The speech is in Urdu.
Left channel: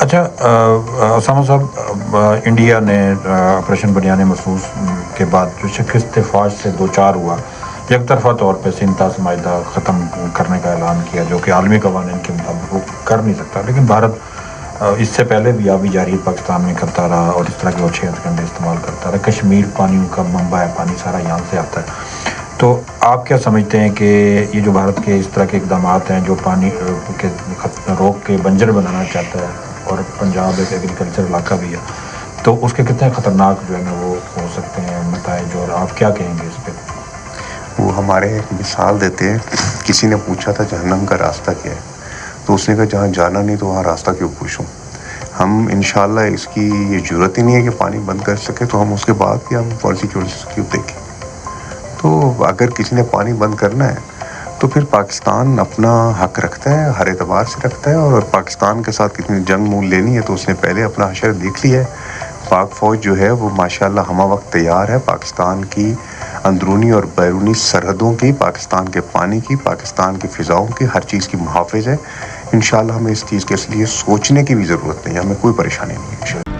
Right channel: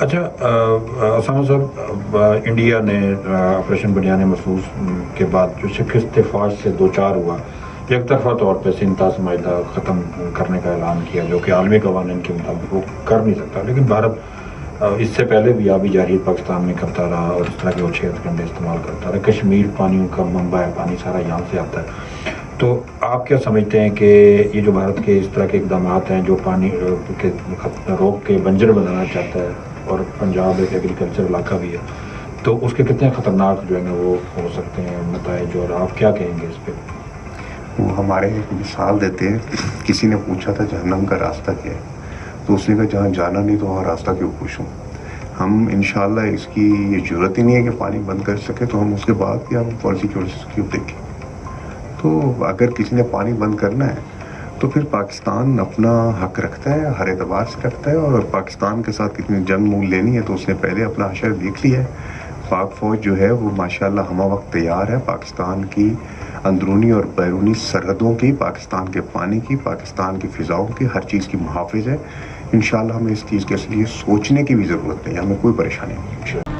اچھا اسامہ صاحب، انڈیا نے آپریشن بنیان محفوظ کے بعد جو شکست فوج سے دوچار ہوا، یک طرفہ طور پہ سینتاس معاہدہ ختم کرنے کا اعلان کیا، جو کہ عالمی قوانین کے مطابق وہ کر نہیں سکتا، لیکن بھارت اس سے پہلے بھی آبی جاری پاکستان میں کرتا رہا اور اس طرح کے اچھے ہتھ کنڈے استعمال کرتا رہا. کشمیر پانیوں کا منبع ہے، پانی سارا یہاں سے آتا ہے. تو آپ کیا سمجھتے ہیں کہ یہ جو بھارت کے اس طرح کے اقدامات ہیں جو پانی کے روک کے بنجر بنانا چاہتا ہے، اور پنجاب ایک ایگریکلچر علاقہ بھی ہے، تو اس کے کتنے خطرناک جو ہے نا وہ ہو سکتے ہیں نتائج، اور آپ کیا کہیں گے اس پہ؟ وہ ہمارے ایک مثال دیتے ہیں، کسی نے پوچھا تھا جہنم کا راستہ کیا ہے، تو اس نے کہا جہاں جانا نہیں تو وہاں راستہ کیوں پوچھوں. ہم انشاءاللہ اس کی یہ ضرورت ہی نہیں ہے کہ پانی بند کر سکے، تو ہم اس کے بعد بھی ہم پالیسی کیوں دیکھیں. تو اگر کسی نے پانی بند کرنا ہے تو پھر پاکستان اپنا حق رکھتا ہے، ہر اعتبار سے رکھتا ہے، اور پاکستان کے ساتھ کتنی جنگ مول لینی ہے تو اس نے پہلے اپنا حشر دیکھ لیا ہے. پاک فوج جو ہے وہ ماشاءاللہ ہمہ وقت تیار ہے، پاکستان کی اندرونی اور بیرونی سرحدوں کی، پاکستان کے پانی کی، پاکستان کی فضاؤں کی، ہر چیز کی محافظ ہے. انشاءاللہ ہمیں اس چیز کے لیے سوچنے کی بھی ضرورت نہیں ہے، ہمیں کوئی پریشانی نہیں ہے.